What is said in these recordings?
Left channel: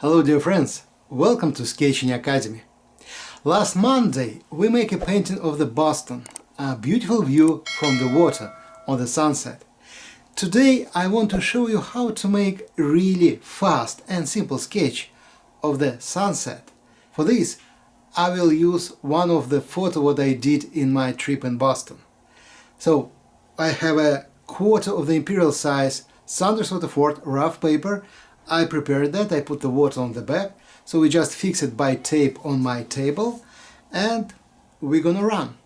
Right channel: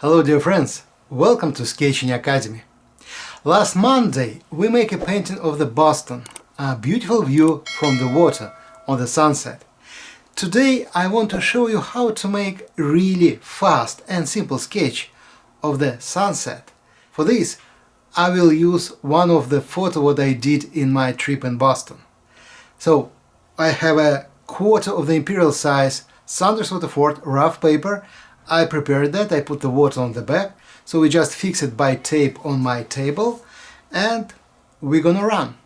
Hello dear friends, welcome to Sketching Academy. Last Monday we make a painting of the Boston, a beautiful view from the water on the sunset. Today I want to show you how to make a really fast and simple sketch of the sunset. For this I will use one of the photos what I did in my trip in Boston. So I have a quarter of the imperial size Saunders Waterford rough paper. I prepared that, I put the water on the back, so we just fix it by tape on my table and we're gonna run.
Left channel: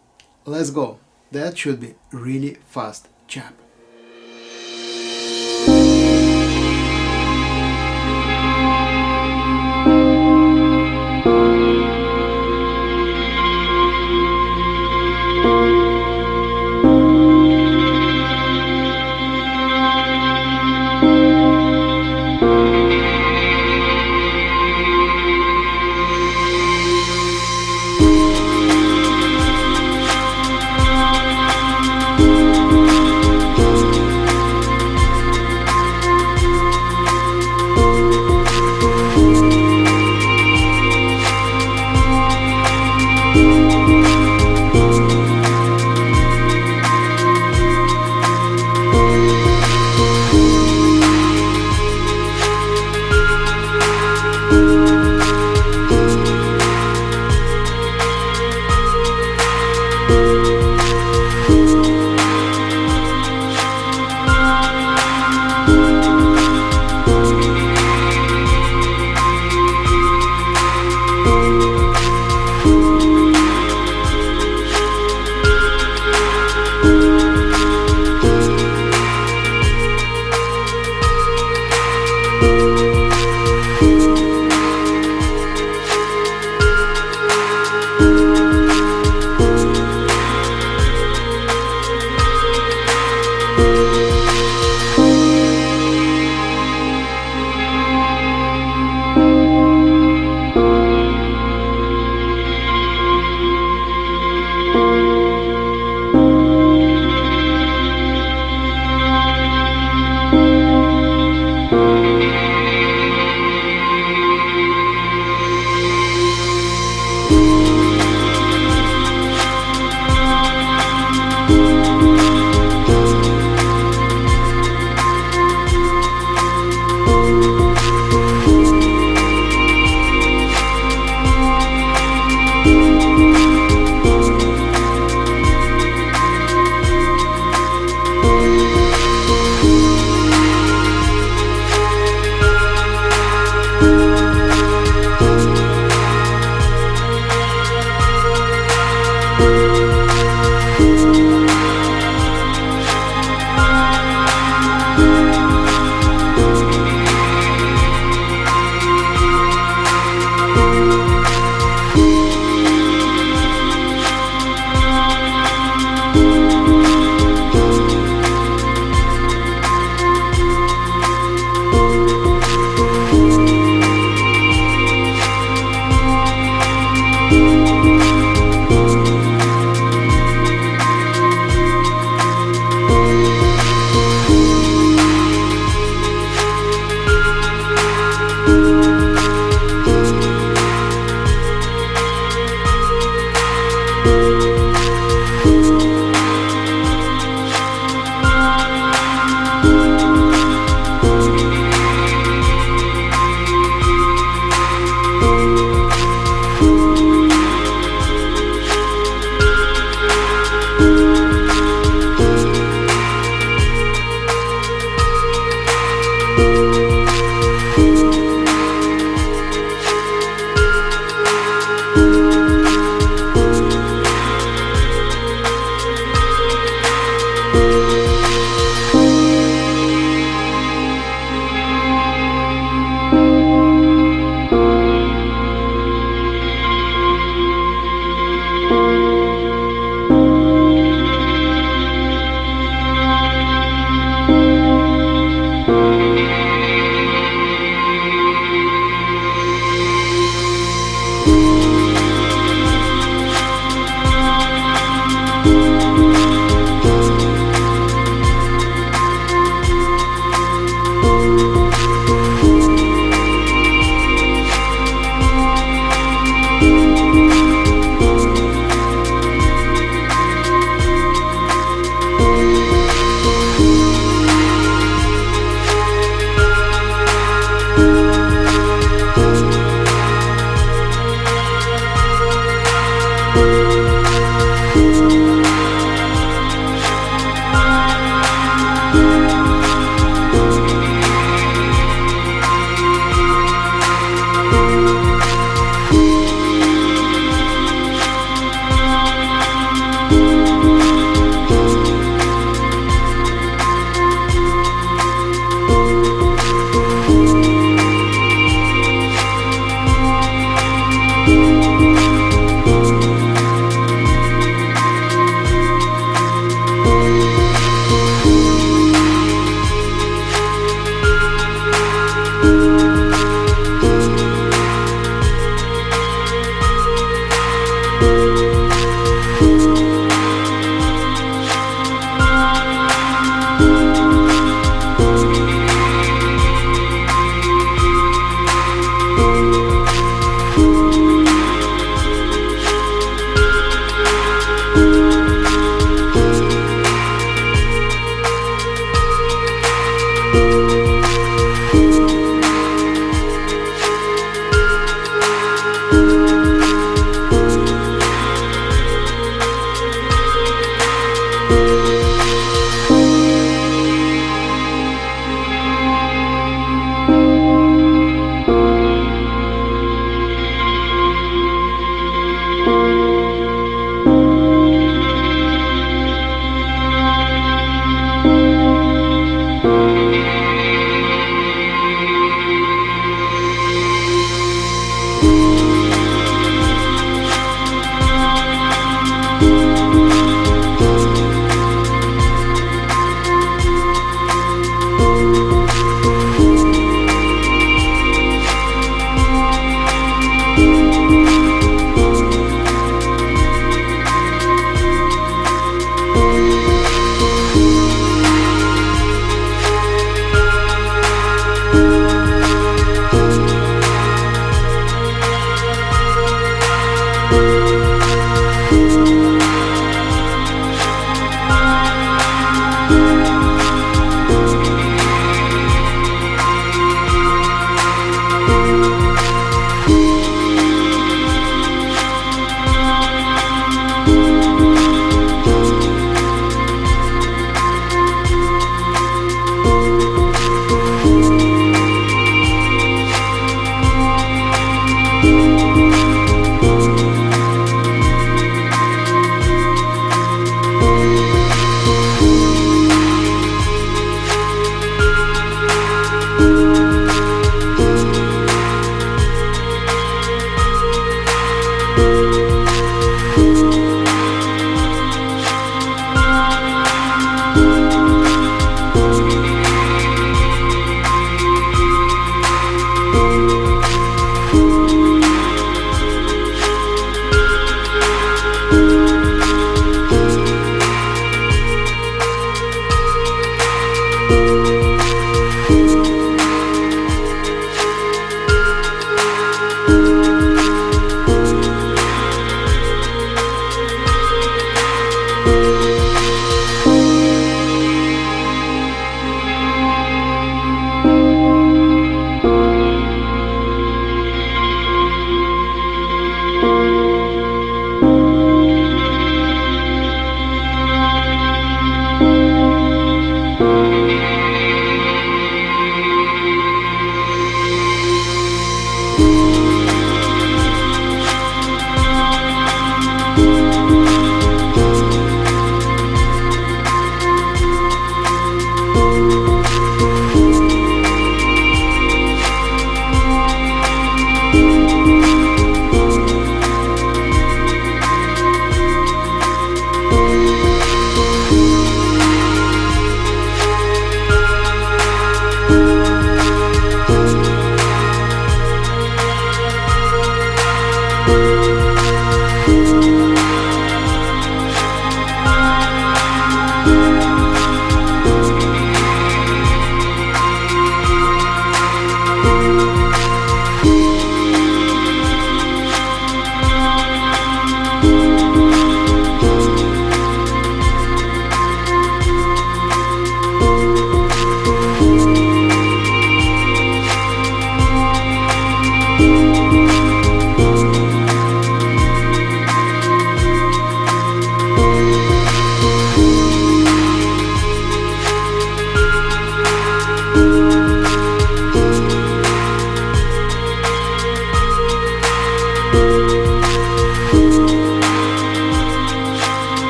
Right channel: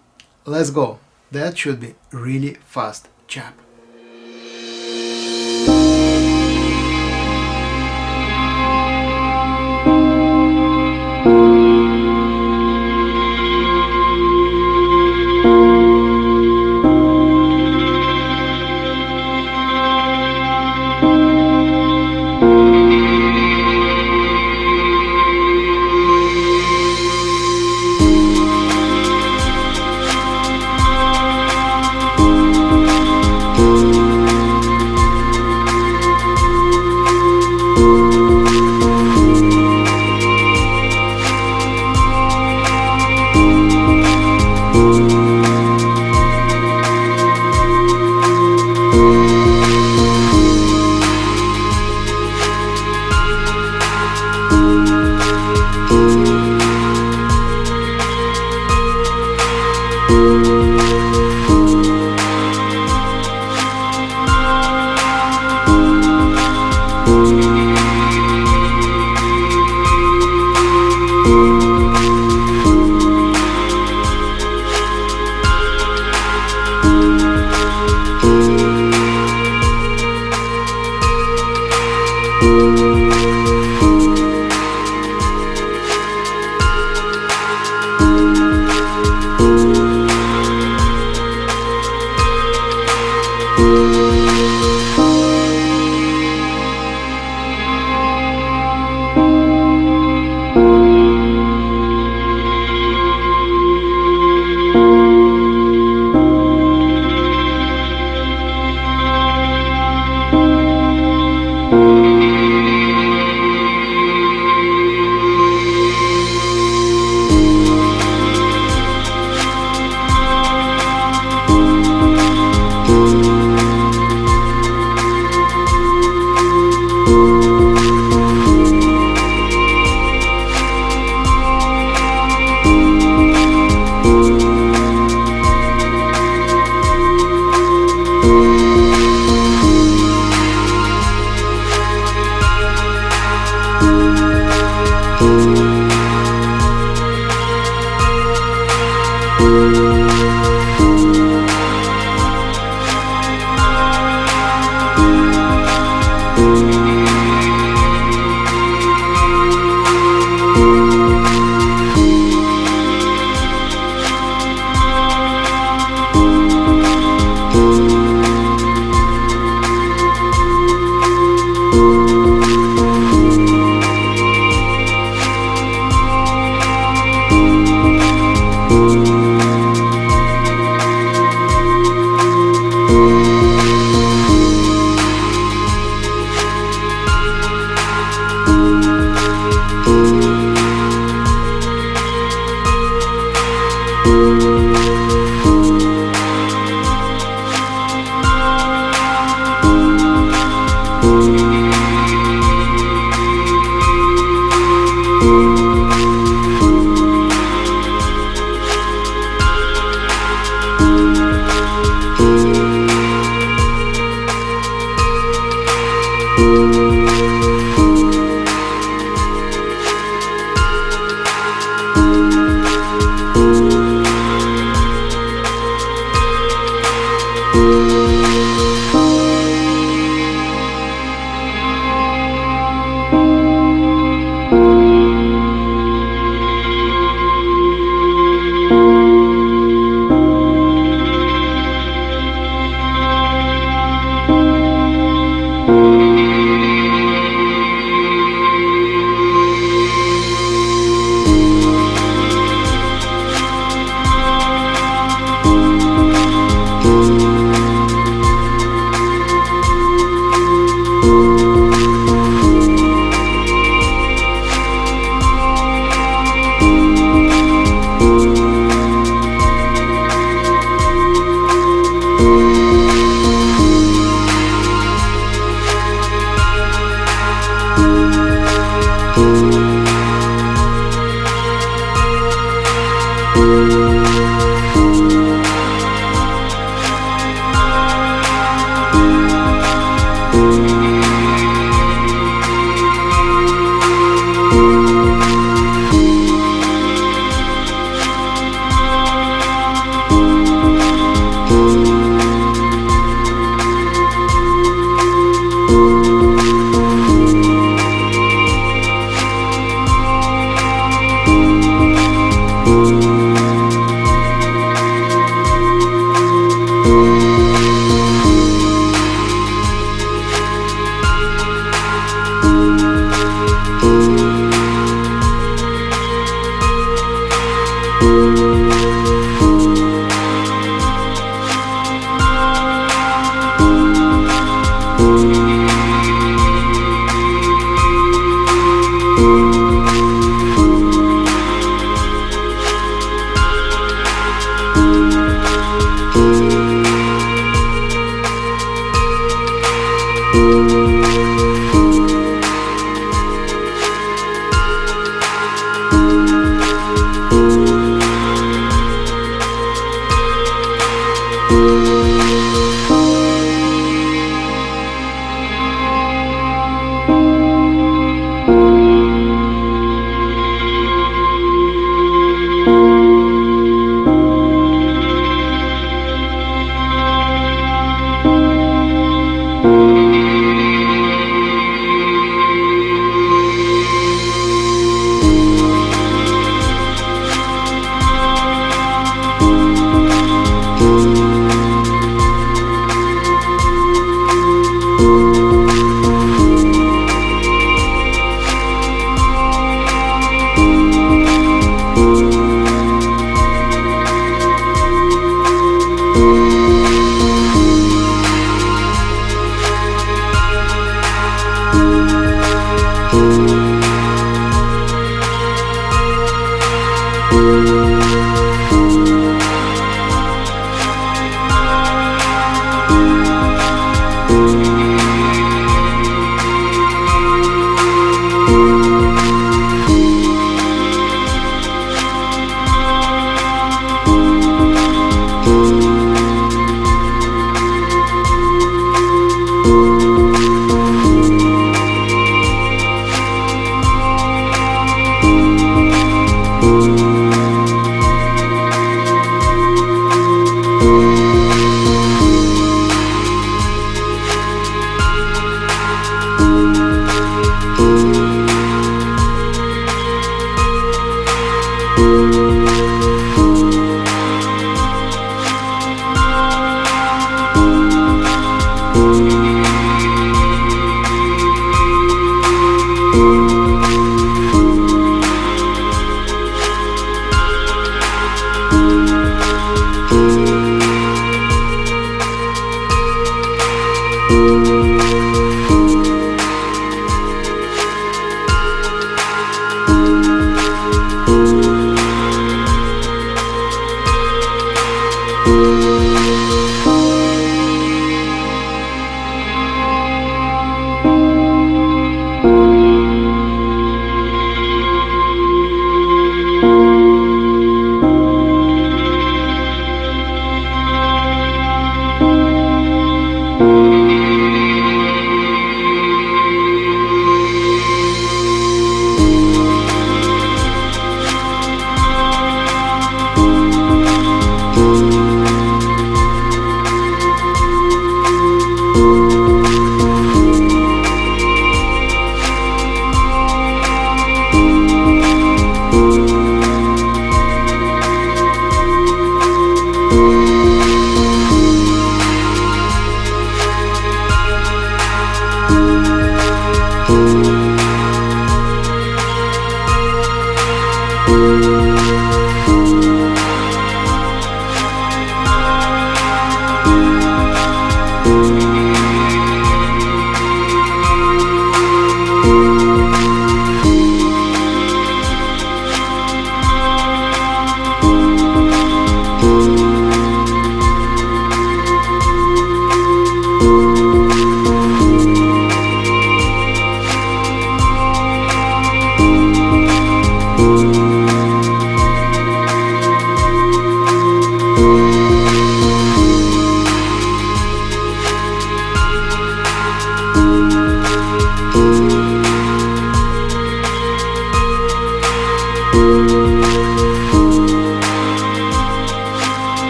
Let's go. That should be really fast job.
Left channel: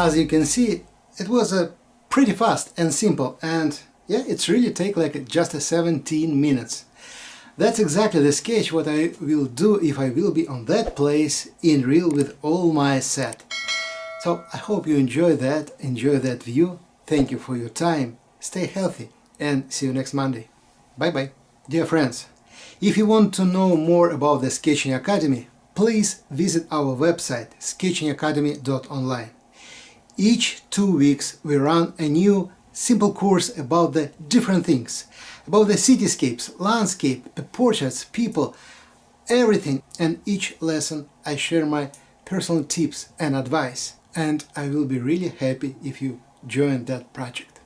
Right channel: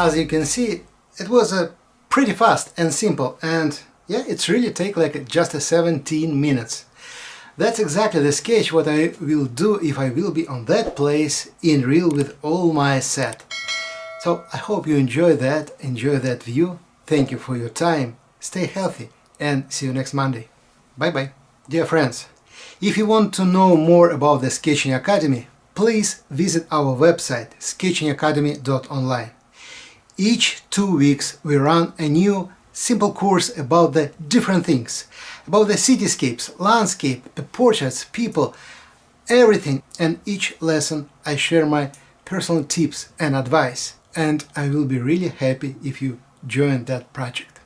As you can see, it was pretty fast and simple, and yeah, it's really take like just 17 minutes. That's exactly the sketch what I will do if I will be on that place in real with all my set. So I hope you enjoy that view. Thank you for your time, stay healthy, and see you next Monday. Bye bye. Dear friends, if you want to know more about the Sketching Academy, please visit our website sketchingacademy.online. Each 2 weeks we run a new simple course about the different things, about the cityscapes, landscape, the portraits, people, everything, and each lesson I share my personal tips and advice, and I will be really happy if you join that project.